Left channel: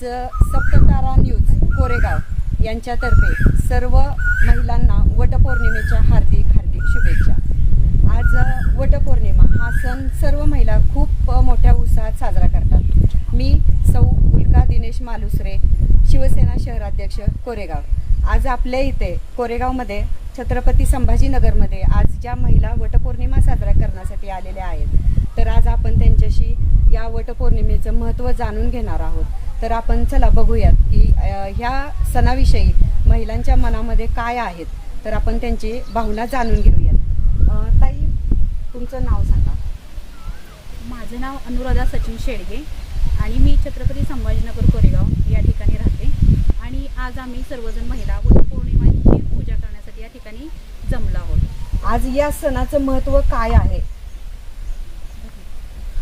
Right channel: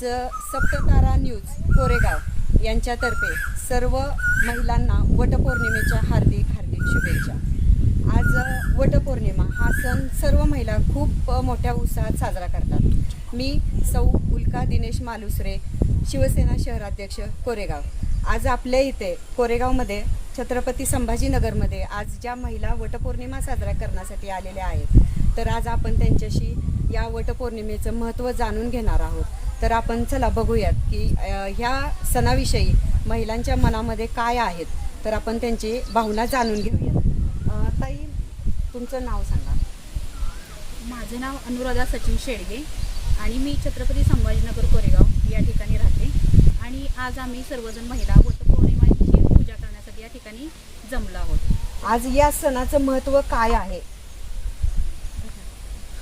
आज सप्ततारा न्यूज कोरेगाव यांच्यातर्फे सर्व महिलांना वटपौर्णिमेच्या हार्दिक हार्दिक शुभेच्छा. आज वटपौर्णिमा हा सण सर्व महिला खूप मोठ्या उत्साहात साजरा करतात. मी सौ उल्का दिनेश मालुसरे शिवसेना शहराध्यक्ष कोरेगाव. आज आपल्या इथे कोरेगावमध्ये छत्रपती संभाजीनगरमध्ये आज ज्या महिला वटपौर्णिमा साजरा करण्यासाठी आलेल्या आहेत तर आज आपण त्यांच्याशी या वटपौर्णिमेचं महत्त्व जाणून घेणार आहोत. तर आपण चला बघूयात की ह्या सणाविषयी महिलांच्या मनामध्ये काय आहेत तर आपण त्यांची भावना जाणून घेऊयात. ताई तुमचं नाव सांगा. माझं नाव अनुराधा सचिन शेडगे आणि मी छत्रपती संभाजीनगर कोरेगाव या ठिकाणी राहते. आणि आज आम्ही सर्वजण महिला वटपौर्णिमाची पूजा करण्यासाठी या ठिकाणी जमलो आहोत. आज या सणाचं महत्त्व काय आहे?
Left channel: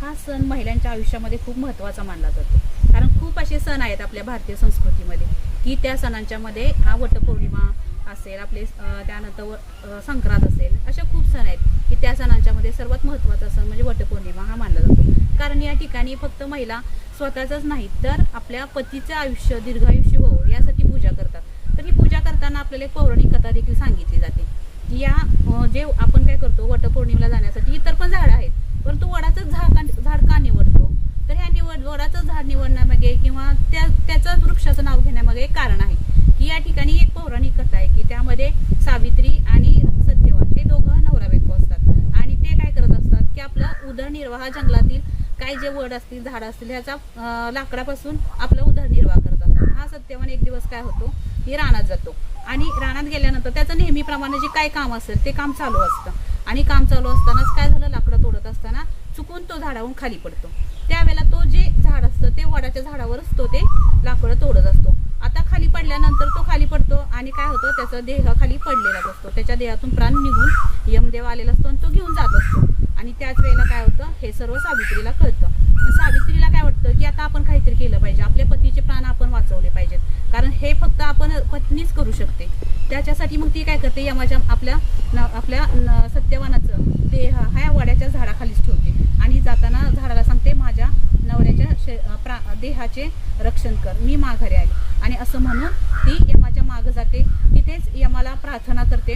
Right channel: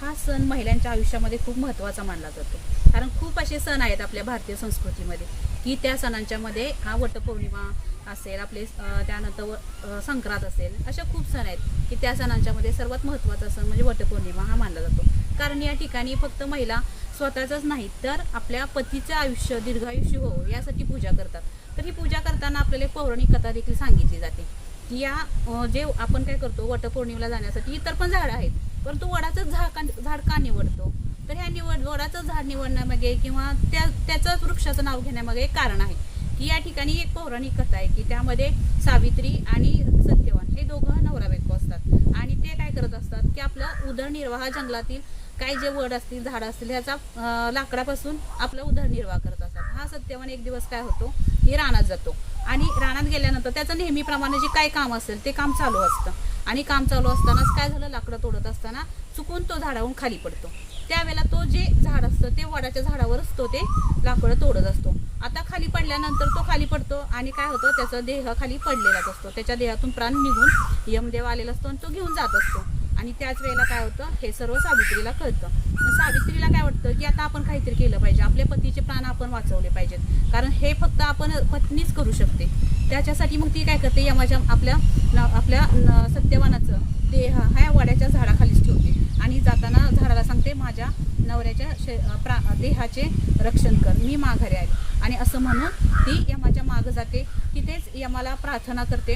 हा सण महिलांच्या आयुष्यामध्ये खूप महत्त्वाचा मानला जातो. कारण खूप असे सण आहेत आपल्या भारतीय संस्कृतीमध्ये की त्या सणांच्या मध्ये हा वटपौर्णिमा असेल आपले त्यानंतर व- संक्रांत असेल अशा खूप सण आहेत की त्या सणांच्या मध्ये सर्वात महत्त्वाचा सण म्हणजे वटपौर्णिमा हा मानला जातो. कारण या ठिकाणी फक्त महिला स्वतःचाच नाही तर आपल्या पतीचं आयुष्य दीर्घायुष्य हो यासाठी पूजा करतात. तर ही पूजा करताना आपल्याला एक पौराणिक कथा देखील सांगितली जाते की या जे आपण काय करतो वटपौर्णिमेला जाण्यासाठी इतर पण झाडं आहेत परंतु वडाचं झाड का झाड का निवडतो? तर ह्या निवड वडाचं झाड निवडण्यामागे किंवा त्या त्याचं वृक्षाचं नाव घेण्यामागे एक कारण आहे. की या ठिकाणी एक पौराणिक कथा आहे की त्यामध्ये सावित्री आणि सत्यवान हे दोघं नवरा बायको असतात. आणि ते काय करत असतात की आपला उदरनिर्वाह जंगलातील काय जे वड असतील झाडं असतील ह्याचा लाकडापासून आपला उदरनिर्वाह करत असतात. हा सत्यवान एक दिवस काय होतो? की रानात जातो. आणि रानात गेल्यानंतर त्याचं नेहमीप्रमाणे जे काय काम असेल ते काम चालू असतं. आणि काम चालू असतानाच काय झालं? लाकडं तोडत असताना चुकून तो झाडाहून खाली पडतो. त्यावेळेला तो जे झाड असतं ते वडाच्या झाडावरच तो ते लाकडं तोडत असतो. आता खाली पडल्यानंतर तो खाली पडतो आणि काय होतं त्याचा देह खाली पडलेलाच असतो. त्याच्या देहातून प्राण निघून यमदेव आलेला असतो आणि तो घेऊन जात असतो. आणि त्याच वेळेला काय होतं हे सर्व सावित्रीला कळतं. सावित्रीला काय वाटतं की आता आपण काहीतरी केलं पाहिजे. आपल्या पतीचे प्राण आपण वाचवले पाहिजेत. कारण हे फक्त आपण पत्नीच करू शकते. त्याच्यासाठी मग ती काय करते यमाच्या आपल्या न- आपल्या न- सत्यवानाचं देह ह्या वड्याच्या झाडाखालीच ठेवते. आणि जाताना झाडाला सांगते माझ्या नवऱ्याच्या शे- प्रा देहाचे रक्षण कर मी माघारी आले. आणि असं म्हणून ती यमाच्या मागं जाते. तिथेच यमाला प्रार्थना करते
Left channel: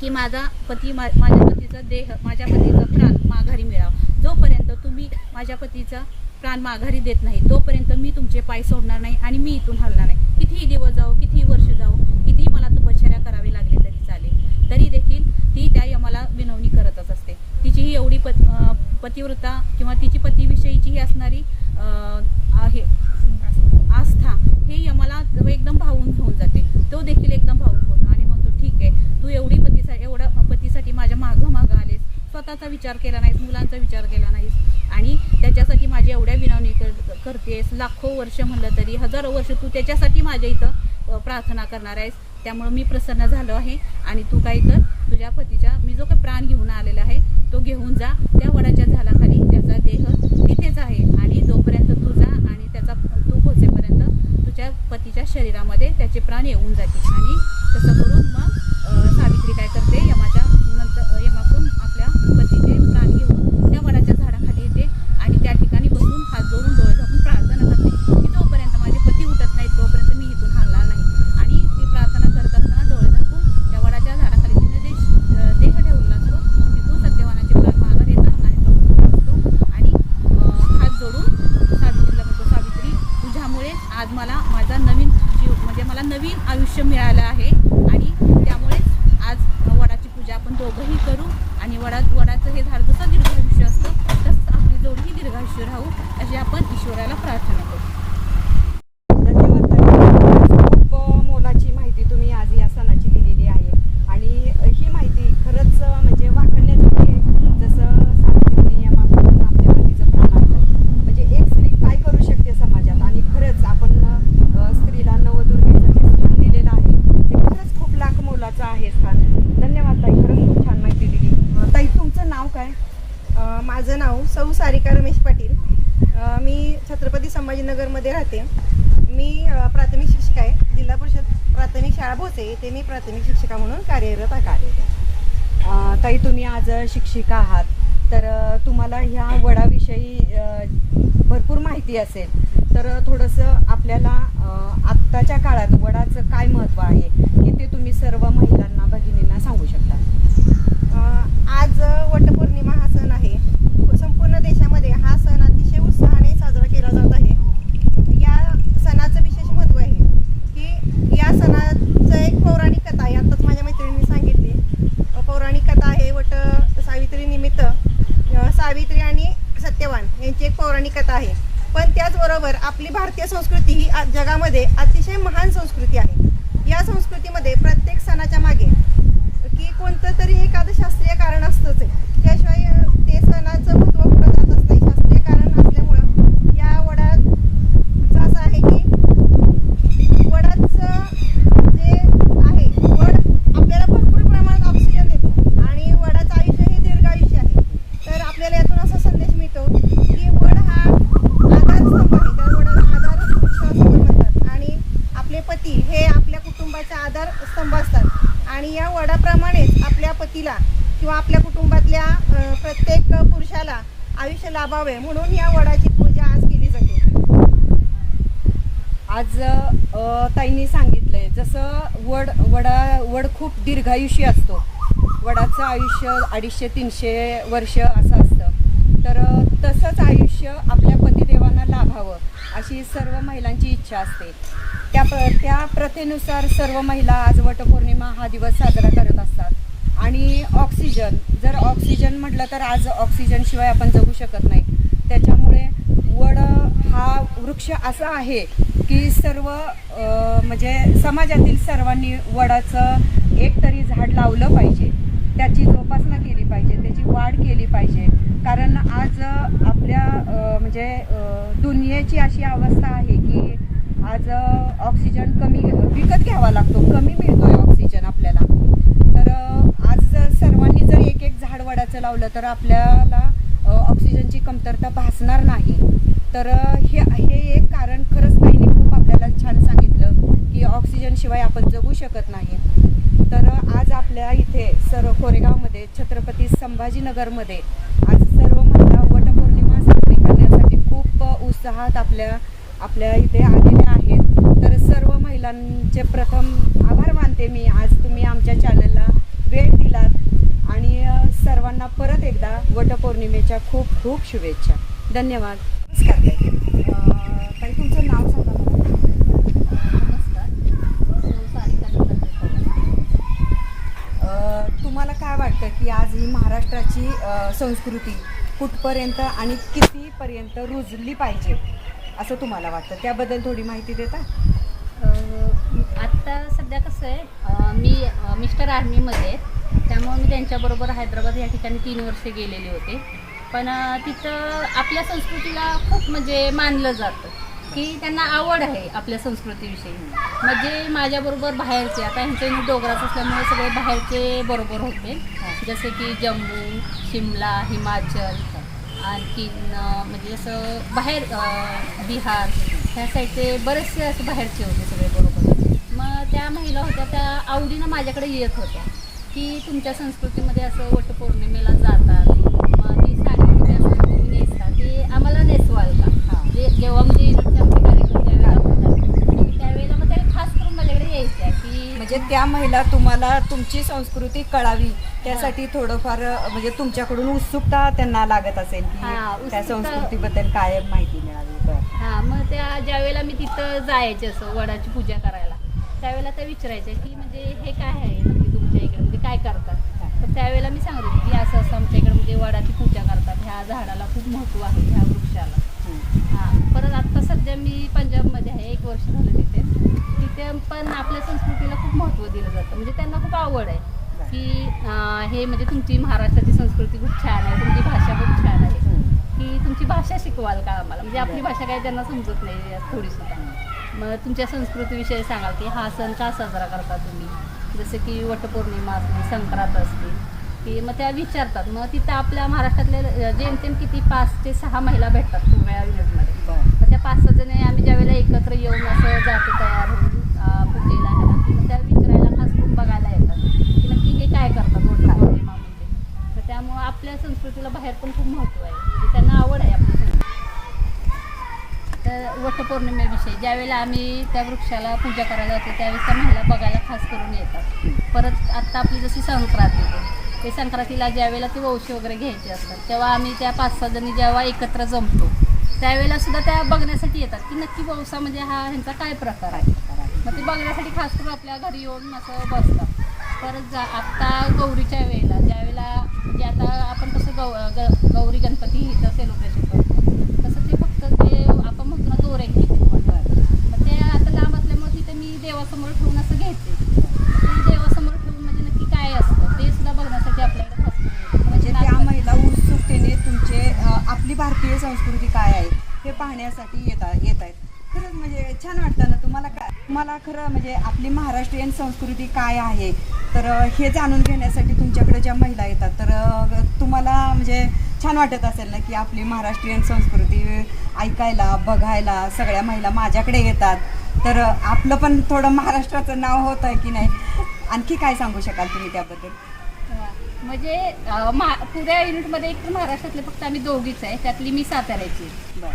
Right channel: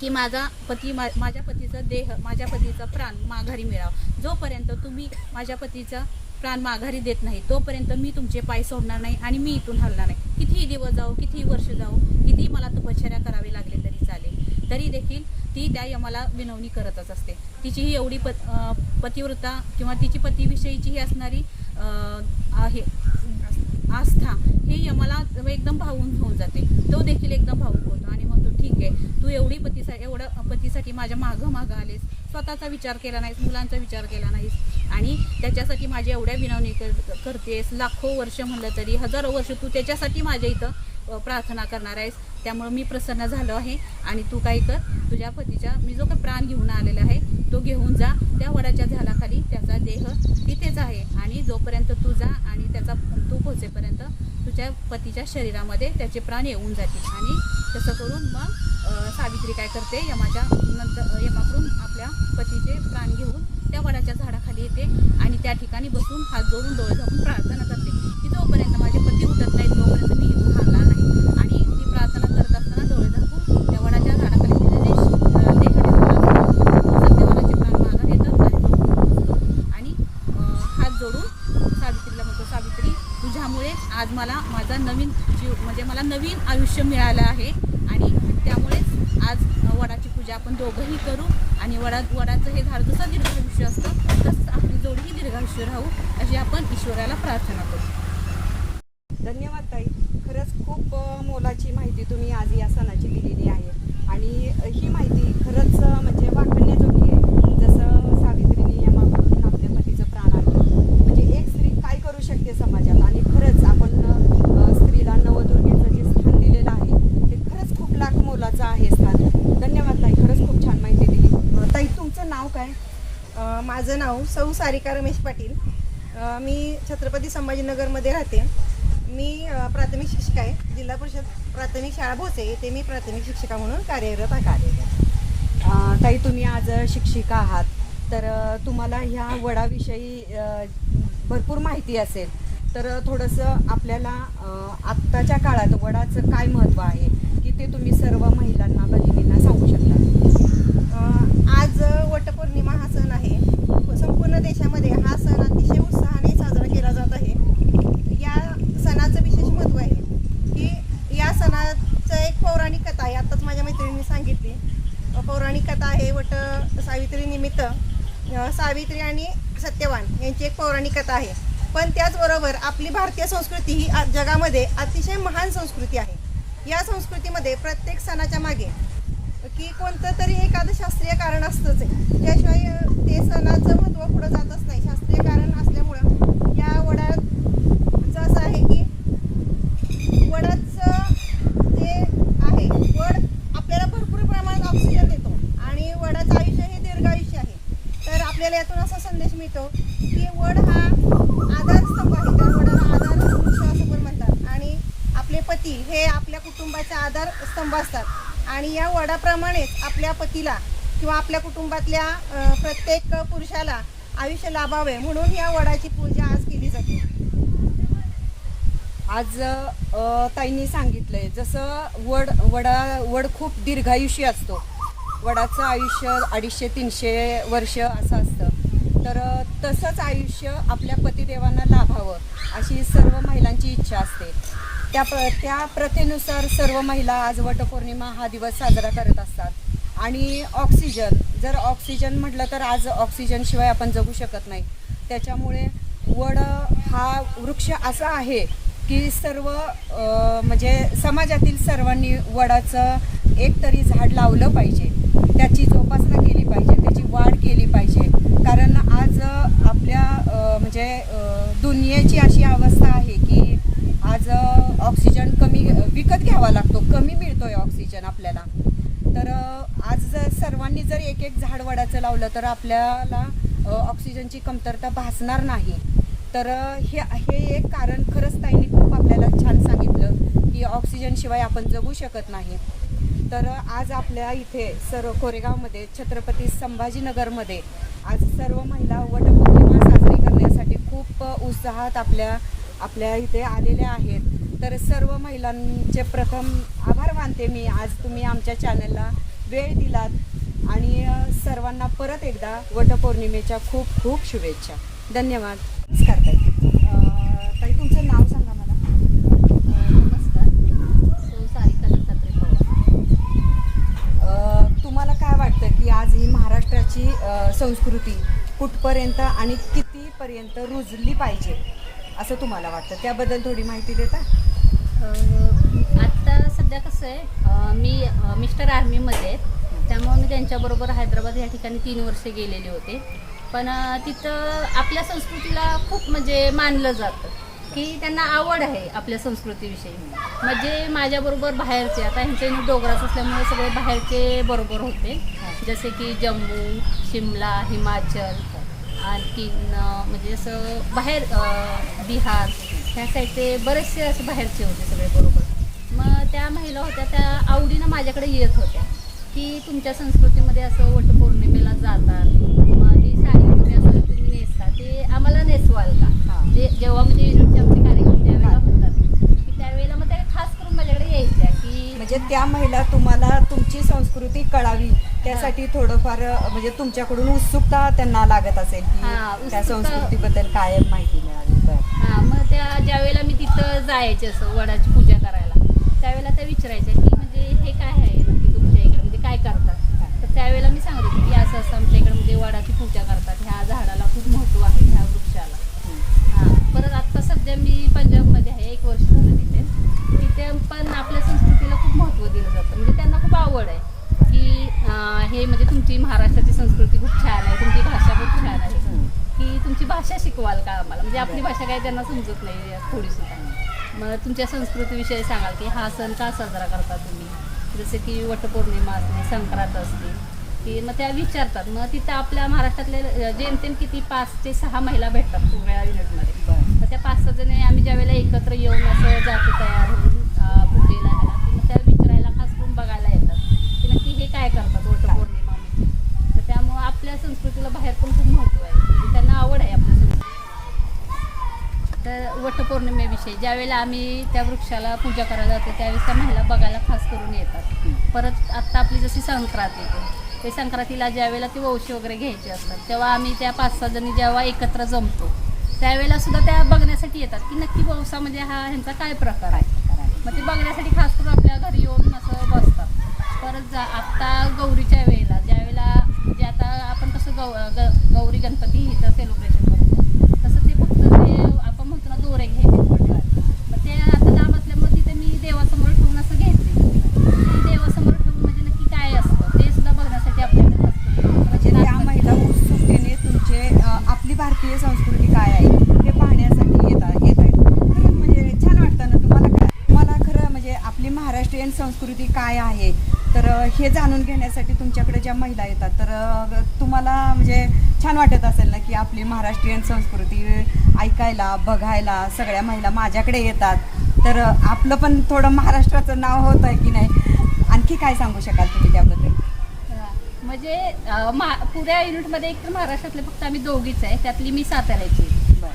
की माझा पती मा- माझ्या पतीचा देह माझ्या पतीचा प्राण माघारी मिळावा. जोपर्यंत तुम्ही माझ्या पतीचा प्राण माघारी देत नाही तोपर्यंत मी तुमचे पाय सोडणार नाही आणि मी इथून हलणार नाही. कितीही दिवस जाऊ कितीही वर्ष जाऊ कितीही मला तपश्चर्या करावी लागले तरी चालेल. तरी देखील ती त्या यमाला विनवणी करतच असते. तिची ही एवढी पत पतिव्रता किंवा तिची पतीविषयीची ही असणारी आहे. आस्था हे यमाला एकदम भावून घेऊन जाते. तो देखील एकदम भावूक होतो आणि म्हणतो ठीक आहे तू एवढी पतीसा एवढं पतीसाठी माझ्या मागं मागं आलेस. स्वतःचा विचार केला नाहीस मुलांचा विचार केला नाहीस. आणि त्याच्यासाठी माझी एवढ्या विनवणी कर- करतेस. लाखो वर्ष म्हणलं तरी हजारो वर्ष तू त्याच्यासाठी माझ्या इथं प्रार्थना करणार आहेस. त्यामुळं मी प्रसन्न झालो आहे. आणि तू काय कर तुझ्या पतीच्या मी जो काही प्राण घेऊन आलेला आहे तो घेऊन जा. त्या वडाच्या झाडाखाली त्याचा देह तिथेच आहे. आणि जोपर्यंत तू जा आणि त्याचा तू पोचेपर्यंत तुझ्या पतीच्या शरीरामध्ये त्याचे प्राण येऊन जातील. आणि तसं करून मग सावित्री काय करते? यमाच्या नंतर यमाकडून आपल्या पतीचे प्राण घेऊन त्या वडाच्या झाडाखाली येते आणि त्या ठिकाणी बसून हात जोडून डोळे झाकून प्रार्थना करते. की जोपर्यंत माझे पती उठत नाहीत तोपर्यंत मी इथून हलणार नाही आणि ती प्रार्थना करत असताना डोळे झाकून त्या वडाच्या झाडाखाली तिने जे अ, देह ठेवलेला असतो तो सत्यवानाचे प्राण माघार येतात आणि तो उठून बसतो आणि अ, हात जोडून सावित्रीला म्हणतो सावित्री तुझ्यामुळे आज मला माझा नवीन जीव म्हणजे मला नवीन मिळालं आहे. आणि त्यामुळेच आज वडाची पूजा आपण दोघंही करू. आणि वडा वडाचं हे झाड जसं दीर्घायुष्य असतं तसंच आपली जोडीही दीर्घायुष्य राहू अशी आपण ईश्वराला प्रार्थना करू धन्यवाद ताई खरंच खूप अ, मोलाची माहिती तुम्ही आज या सणाची दिलेली आहे आणि अ, ही माहिती खरंच अ, म्हणजे वाखण्याजोगी आहे जसं सावित्रीने यमाकडून आपल्या पतीचं प्राण आणलं म्हणजे एक स्त्री काय करू शकते समाजात आणि खरंच आपण अ, स्त्रीला नवदुर्गेचं जे स्थान दिलेलं आहे ते खरंच खूप लाख मोलाचं आहे स्थान धन्यवाद ताई खरंच खूप छान माहिती दिली अ, ताई तुमचं नाव काय अ, माझं नाव सौ सारिका रमेश पाटील. मी छत्रपती संभाजीनगरमध्ये राहते. मी प्राथमिक शिक्षिका आहे. जिल्हा परिषद प्राथमिक शाळा भोसे येथे मी प्राथमिक शिक्षिका म्हणून कार्यरत आहे. काही ताई तुम्ही आज शिक्षिका आहात. तर तुम्हाला ह्या वडाविषयी भरपूर माहिती असेल. तर थोडंसं आपल्याला आत्ताच्या काळात वडाचं काय महत्त्व आहे हे ते तुम्ही सर्व महिलांना भगिनींना सांगू शकता. आज वटपौर्णिमा हा सण आहे. संपूर्ण देशामध्ये हा सण अतिशय उत्साहाने साजरा केला जात आहे. या सणाचं विशेष महत्त्व आहे की या सणाचं एक पौराणिक कथा आहे. आत्ताच माझ्या मैत्रिणींनी सांगितली. पौराणिक कथा आहे वट सावित्री निमित्त. सावित्री आणि सत्यवान यांची एक पौराणिक कथा आहे. पण त्याचबरोबर आपली भारतीय संस्कृती ही जगामध्ये अतिशय महान संस्कृती आहे. या संस्कृतीमध्ये प्रत्येक सणाच्या मागे की कोणतं तरी एखादं शास्त्रीय कारण असतंच आहे. त्याशिवाय ते सणाचं महत्त्व पुढं जातच नाही शास्त्रीय कारण असल्यामुळं या वडाचं असं आहे की वडाचं जे आहे वड आपल्याला भरपूर प्रमाणात ऑक्सिजन देतो आणि वडाचं आयुष्य हे दीर्घायुष्य आहे तर आपल्याला यातून असा संदेश मिळतो की वड हा आधारस्तंभ आहे त्या वडाला आधार वृक्ष असं पण म्हणतात आणि आपले पती हे आपल्या कुटुंबाचे आधारस्तंभ असतात आणि या वडाप्रमाणेच आपल्या पतीला किंवा आपल्या कुटुंबातल्या प्रत्येक पुरुषाला आयुष्य लाभावे म्हणून या वडाची पूजा आज केली जाते. आज ताईंनी सांगितलंय जसं वड वडा वड खूप दीर्घायुष्य असतो. वडाचं आयुष्य अडीचशे तीनशे वर्ष असं असतं. तर तसंच आयुष्य आपल्या पतिदेवांना लाभावं अशी सर्व महिलांची इच्छा असते. त्या प्र त्या प्रथेनुसार सर्व महिला आज वटपौर्णिमा हा दिवस साजरा करत असतात. आणि ऑक्सिजन जर ऑक्सिजन म्हटलं तर आज ऑक्सिजनशिवाय आपण जगू शकत नाही. त्याच्यामुळे वड हा वृक्ष असा आहे की सर्व म्हणजे समाजातील सर्वांनी वडाचं एक तरी झाड लावलं पाहिजे. त्याची जोपासना केली पाहिजे त्याची वाढ केली पाहिजे. कारण आज आपल्या म्हणजे दुनियेची अशी अवस्था आहे की आज ऑक्सिजन कमी विकत घ्यावा लागतो कमी मिळतोय ऑक्सिजन आपल्याला. आज जर सर्वांनी जर एक एक झाड वडाचं लावलं तर आपल्याला ऑक्सिजनची कमतरता भासणार नाही. तर हे हे एक कारण खरंच ताईने खूप आपल्याला छान सांगितलं की ऑक्सिजनशिवाय आपण जगू शकत नाही. तर आज आपल्या इथे सर्व कोरेगावमध्ये छत्रपती संभाजीनगरमध्ये आज सर्व महिला वटपौर्णिमा साजरी करण्यासाठी खूप उत्साहात आपल्या आपल्या इथे आलेल्या आहेत. तर सर्व महिलांचे प्रथम आभार मानते मी. आज तुम्ही आमच्या चॅनलला वेळ दिलात आणि सर्वांना परत एकदा वटपौर्णिमेच्या खूप खूप शुभेच्छा. धन्यवाद. नमस्कार ताई. तुमचं नाव सांगा मला. तुम्हाला काय वाटतं की आज ही महाराष्ट्राची संस्कृती कुठपर्यंत आणि कितीपर्यंत रुजली पाहिजे असं तुम्हाला वाटतं? त्याबद्दल थोडी माहिती देता? आत्ता सध्या कसं आहे मी मिस्टर आर्मीमध्ये आहेत त्यामुळे मी त्यांच्याबरोबर हैदराबाद या ठिकाणी तीन वर्षे गेलेले होते. पण तिथं आपल्या संस्कृतीला खूप म्हणजे मानलं जातं की त्यांना आवड आहे आपल्या संस्कृतीविषयी. म्हणजे माझ्याबरोबर बाहेरचे आता ह्यांचं डोंगराच असल्यामुळे सगळे बाहेरचे बरोबर होते. जसे की जम्मू शिमला हिमाचल आणखीन म्हणजे जसं बाहेर बिहार ह्या साईडचे बरेचसे असे बाहेरचे होते सगळे बरोबर. मग त्या महिला होत्या त्या आवडीनं माझ्याकडे येत होत्या की तुमच्या संस्कृतीमध्ये असं वटपौर्णिमेला जातात. मग ती साडी तुम्ही असं तुम्ही नेसता. ते आम्हाला नेसवाल का. जे जेव्हा म्हणजे युनिटचे आमचे कार्यक्रम ज्यावेळेला होतात. त्यावेळेला मग त्या खास करून माझ्याकडे यायच्या की म्हणजे त्या महिला तुम्हाला तुमची संस्कृती कळावी. त्यासाठी थोडंफार म्हणजे तुमच्याकडून उत्सुकता त्यांना लागत असेल की हां, त्या संस्कृतीबद्दल काय माहिती मिळावी. हां मग त्या ज्यावेळेला मी तिथं जायचे असं वडाची पूजा करायला. त्यावेळेला त्या विचारायच्या की म्हणजे हे काय आहे नक्की तुमच्या इकडे? म्हणजे काय करतात? तर त्यावेळेला मी सांगत होते की असं असं आमच्या इकडे म्हणजे वडाची पूजा करतात. ह्या झाडाला खूप महत्त्व आहे ह्या वृक्षाला. हं. परत आत्ता सध्या मी पंजाबमध्ये आहे एक वर्ष झालं तिथे. तिथे पण आपल्या संस्कृतीला खूप महत्त्व दिलं जातं. म्हणजे त्यांना खूप आवड आहे की हे म्हणजे तुमची महाराष्ट्राची संस्कृती खूप छान आहे तुमची भाषा खूप छान आहे. की तुमची भाषा शिकवाल का आम्हाला? म्हणजे आपली. भाषा काही त्यांना समजत नाही थोडी सुद्धा मग तुमच्या संस्कृतीविषयी सांगाल की हा सण का साजरा करता तुम्ही? जसे की वटपौर्णिमा असते संक्रांत असते की मग त्या विचारतात. मग तिथं आपल्या महाराष्ट्रातले जेमतेम किती पाच ते सहा महिला भेटतात सगळ्या युनिटमध्ये मग त्या पाच सहा जणी आम्ही ज्या वेळेला एकत्र येऊन असं जातो तयार होऊन पूजेला ह्याला की मग त्या विचारायला खास करून बघायला येतात की नक्की हे काय करतात वटपौर्णिमा म्हणजे. तर त्यामुळं आपल्या संस्कृतीला बाहेर पण खूप महत्त्व आहे. म्हणजे त्यांना आवड आहे आपल्या तर वटपौर्णिमेविषयी ज्यावेळेला आम्ही त्या वृक्षाला पूजा करायला जातो त्यावेळेस त्या महिला बघायला खास करून येतात. परत आत्ता आपली जशी संक्रांत येते ते संक्रांतीला ज्यावेळेला ते वंशी वगैरे घ्यायचे असतात तेव्हा आम्ही त्या पाच सहा जणी जेव्हा एकत्र जमतो त्यावेळेला सुद्धा त्या बघण्यासाठी येतात की नक्की पावसामध्ये म्हणजे हा ह्यांचा काय प्रकार आहे. मग ते बघण्यासाठी खास करून आपल्या घरी येऊन असं बसतात. परत जा आत्ता गौरीच्या वेळेला ज्यावेळेला म्हणजे आता आपण कसं गौ ग गौरी गणपती इथं सेलिब्रेशन करतो तसं ते फक्त ते आपण म्हणतो ना दोरे घ्यायचे पण मग ते आता लांब असल्यामुळे तिथे मी देवासमोर ठेवून असं घेते. ते देवासमोर ठेवून म्हणजे नक्की काय असतं ते सुद्धा बघण्यासाठी आपल्याकडे करून म्हणजे त्या. महिला उत्सुकतेने तुमचे आपली भारतीय संस्कृती काय आहे हे पाहण्यासाठी येतात येत आहेत खरंच म्हणजे छान वाटतं ना तुम्हाला काय तुम्हाला खरं म्हणजे आपली महाराष्ट्रीयन संस्कृती काय आहे तर हे जाणून घेण्यासाठी तुमच्याकडे ज्या महिला येतात तर तुम्हाला म्हणजे छान वाटत असेल ना की आपली महाराष्ट्रीयन संस्कृती ऐकायला बघायला सगळ्या महिला माझ्याकडे येतात. तर आपलं पण थोडं महाराष्ट्राचं नाव होत आहे की नाही? आणखी काय सांगू शकाल तुम्ही त्याबद्दल. म्हणजे मा- पुऱ्या युनिटमध्ये एक तर महाराष्ट्रातले फक्त आम्ही दोघीच आहे. त्यातली मी साताऱ्याची.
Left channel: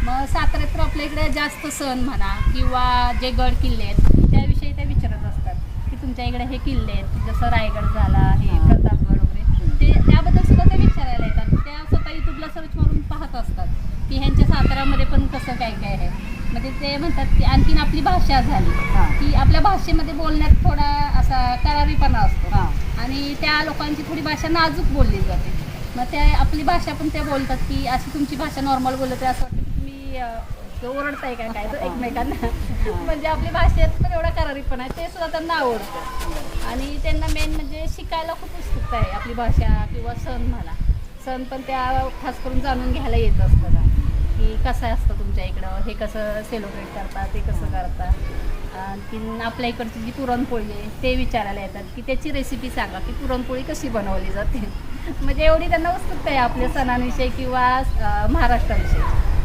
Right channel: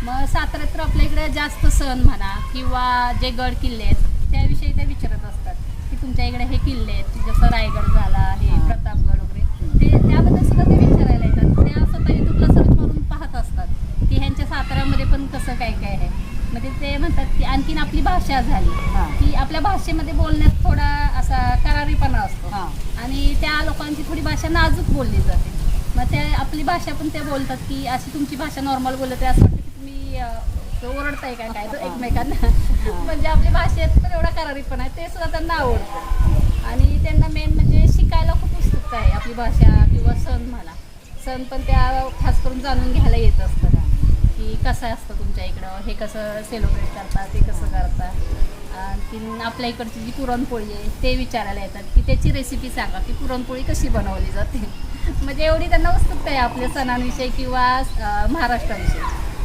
मग साताऱ्यात तर आपल्या इकडे जास्त सण म्हणा किंवा जे गड किल्ले आहेत त्याविषयी त्या विचारत असतात की तुमच्या इकडे हे किल्ले आहेत जसं रायगड झाला हे हा. प्रतापगड वगैरे. ते त्याबद्दल सुद्धा ते विचारायला येतात. त्या स्वतः युट्यूबला सर्च मारून पाहत असतात. की ह्यांच्या साताऱ्यामध्ये पण कसं काय काय आहे? म्हणजे ते म्हणतात की आणखीन आपली भाषा झाली. हा. की आपल्या भाषेमध्ये बोलण्यात थोडा असा करारीपणा असतो. हा. आणि त्या लोकांची थोडी भाषा नाजूक बोलली जाते. मग ते आपली भाषा पण ते बोलतात की अशी तुमची भाषा नॉर्मल बोलत आहे असं वाटतं की तुम्ही अं, ओरडताय का काय तर एकमेकांना? म्हणजे आपली भाषेत पण एवढा करारीपणा आहे ते सुद्धा त्यांना आवडतं. आणि त्यांना मेन म्हणजे शिकायला खूप उत्सुकता आहे आपली भाषा किंवा सण म्हणा. सण पण त्या खास करून जाणून घ्यायला येत असतात. की कसं असतं तुमच्या इकडं? हे कसं सेलिब्रेट करता ते कसं करता? आणखी आपल्या इकडची जी पुरणपोळी आहे ते विचारायला येतात की त्याची रेसिपी सांगा की पुरणपोळी कशी बनवली जाते? म्हणजे एवढी त्यांना उत्सुकता आहे आपल्या सणांविषयी किंवा महाराष्ट्राविषयी.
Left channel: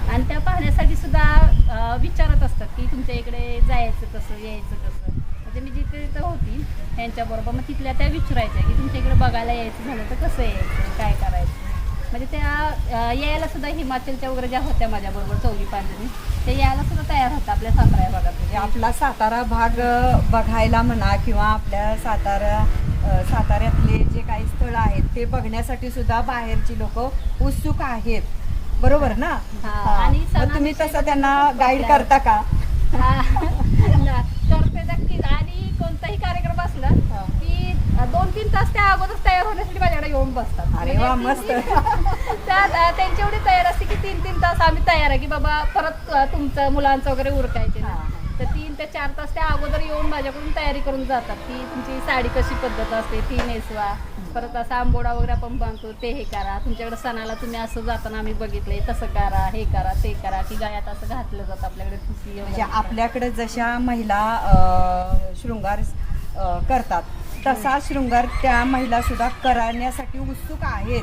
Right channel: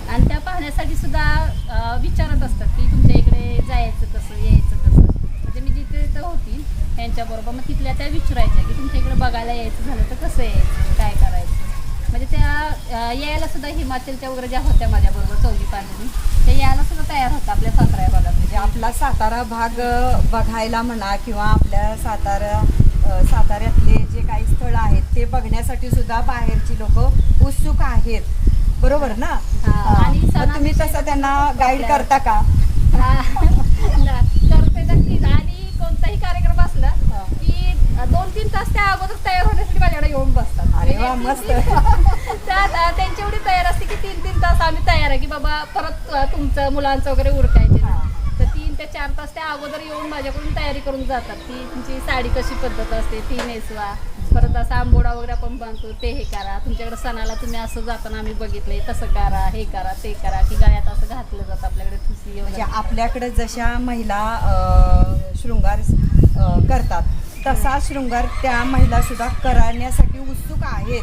आणि त्या पाहण्यासाठी सुद्धा विचारत असतात की तुमच्या इकडे जायचं कसं यायचं कसं? म्हणजे मी जिथे तिथं होती त्यांच्याबरोबर मग तिथल्या त्या विचारायच्या की तुमच्या इकडे बघायला यायचं झालं तर कसं यायचं काय करायचं? म्हणजे त्या यायला सुद्धा हिमाचलच्या वगैरे ज्या होत्या माझ्याबरोबर चौघी पाच जणी त्या यायला सुद्धा तयार होत्या आपल्या सातारा या भागात. म्हणजे आपला सातारा भाग बघायला म्हणा किंवा आपल्या सातारा साताऱ्यातले जे काही स्थळ आहेत ते बघण्यासाठी सुद्धा बाहेरची लोक उत्सुक आहेत. बरोबर ना. आणि तुम्ही तसं त्यांना गाईड करता का? करते नक्कीच. आणि कोणताही कार्यक्रम असला दोन तीन तास त्या अगोदर तयार होण्यासाठी माझ्याकडे येऊन बसतात. अरे वा, म्हणजे मस्त. त्यांची एवढी तयार असते की तीन तीन तास आम्ही तयार आहे की बाबा परत तु- तुमचं मुलांचं वगैरे उरकायचे ना. तर तीन ते चार तास त्या अगोदर येऊन माझ्याकडून तयारी करून जातात. की तुमची साडी कशी पद्धत असते ती नेसवा. परत असा आंबोडा वगैरे आपण बांधतो ते हे करा. तुमच्याकडे सणाला तुम्ही असं जाताना आम्ही बघितलंय तसं करा हे करा ते करा की गायात असं घातलं जातं आपल्याकडे ठुसी म्हणजे आपल्याकडे जशा महिला शृंगार करतात तसा शृंगार त्या महिला सुद्धा करण्यासाठी उत्सुक आहेत.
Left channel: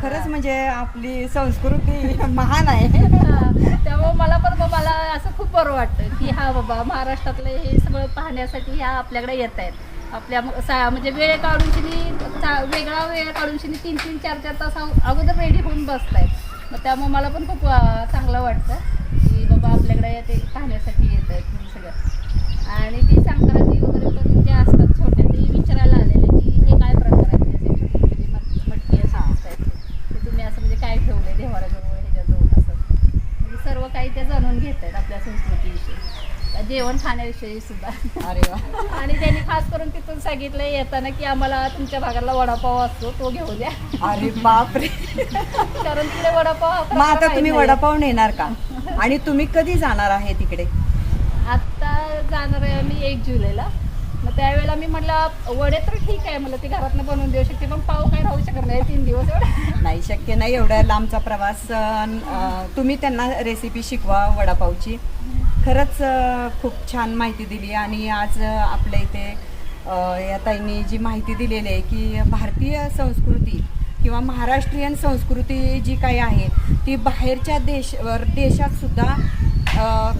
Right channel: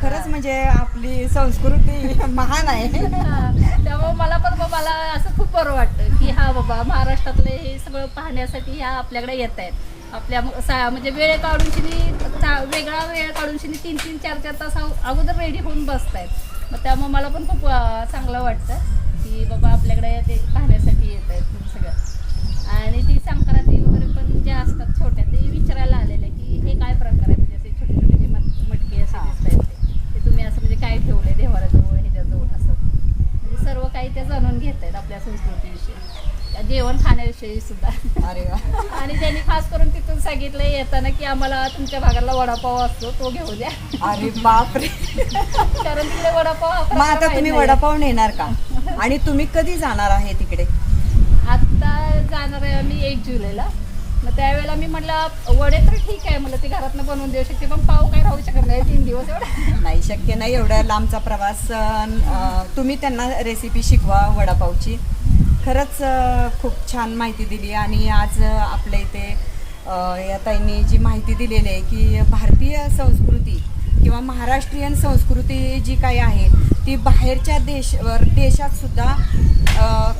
खरंच म्हणजे आपली संस्कृती महान आहे. हा, त्यामुळे मला पण मला असं खूप बरं वाटतं की हा बाबा महाराष्ट्रातले हे सगळं पाहण्यासाठी ह्या आपल्याकडे येत आहेत. आपल्या म्हणजे वेळ काढून शिनी वेगळा वेळ काढून शिनी तीन तीन चार चार तास अगो- अगोदर रेडी होऊन बसतायत. मग त्यामुळे मला पण खूप चांगलं वाटतं की बाबा आपल्याकडे ते पाहण्यासाठी येत आहेत सगळं. आणि ती संक्रांती वगैरे पण ज्या असतात छोट्या ते विचारायला आलेले की हे काय प्रकार आहे म्हणजे असे छोटे छोटे जे मट- मटके असे हा. दिसत आहेत ते. ते तुम्ही असं म्हणजे काय ठेवलंय देवाराजवळ ह्याच्याजवळ असं म्हणजे सर्व काही ते जाणून घेत आहेत आपल्या संस्कृतीविषयी. त्या जेवण खाण्याविषयी सुद्धा. अरे वा. आणि त्यांनी खास करून तिथून सांगितलं येताना की आम्हाला तुमच्या भागाला वडापाव असतो तो घेऊ द्या. अरे बापरे. कारण तिकडे वडापाव हा मग प्रकार आता माहीत तुम्ही. वडापाव नेणार का? आणि तुम्ही कधी जाणार आहे तिकडे? आता जाणार आहे मी एक जुलैला. मग त्यावेळेला मी म्हटलं वडे तर ठीक आहे मला ती घरातनं बनवून देऊ शकते. पण पाव काय राहू शकत नाही. दिवस एवढा. नाही शक्य नाही एवढा लांबचा प्रवास. तुम्ही त्यांना रेसिपी शिकवा वडापावची. खरंच खूप छान माहिती दिली आणि आज आपल्या इथे या ताईंनी जी माहिती दिलेली आहे की भारतीय संस्कृती किंवा महाराष्ट्रीयन संस्कृती जी काही आहे ती बाहेरच्या देश देशात सुद्धा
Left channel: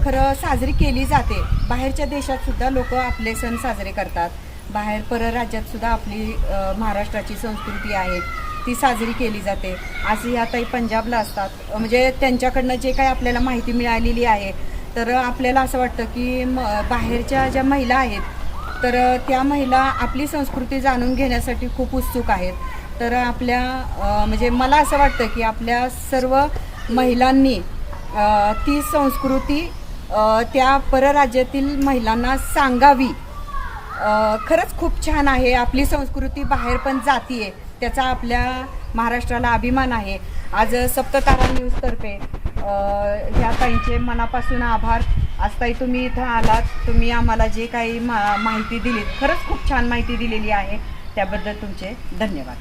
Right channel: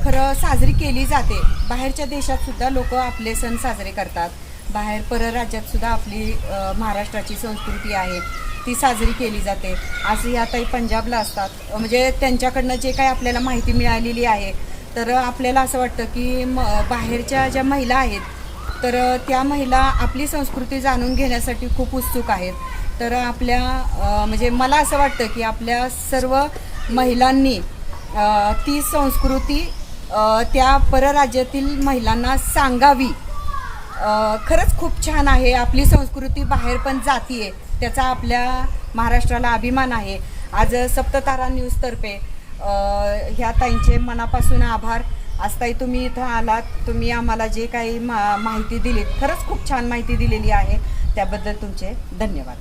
खरं साजरी केली जाते. बाहेरच्या देशात सुद्धा लोक आपले सण साजरे करतात. बाहेर परराज्यात सुद्धा आपली महाराष्ट्राची संस्कृती आहे. ती साजरी केली जाते. अशी ह्या पंजाबला असतात. म्हणजे त्यांच्याकडनं जे काही आपल्याला माहिती मिळालेली आहे तर आपल्याला असं वाटतं की म बाहेरच्या ज्या महिला आहेत तर त्या महिला आपली संस्कृती जाणून घेण्यासाठी खूप उत्सुक आहेत. तर आपल्या म्हणजे मला असं वाटतं की आपल्या सर्व महिलांनी ती संस्कृती त्या परराज्यातील महिलांना सांगावी. खरंच खूप छान आहे. आपली संस्कृती बाहेर पण जाती आहे त्याचा आपल्या महाराष्ट्राला अभिमान आहे. आज सप्ततारा न्यूजतर्फे ह्या ताईंचे मनापासून आभार. आज ताई तुम्ही इथं आलात. तुम्ही आम्हाला जे काही मा माहिती दिलीत खरंच खूप छान माहिती दिलेली आहे. त्याबद्दल तुमचे धन्यवाद.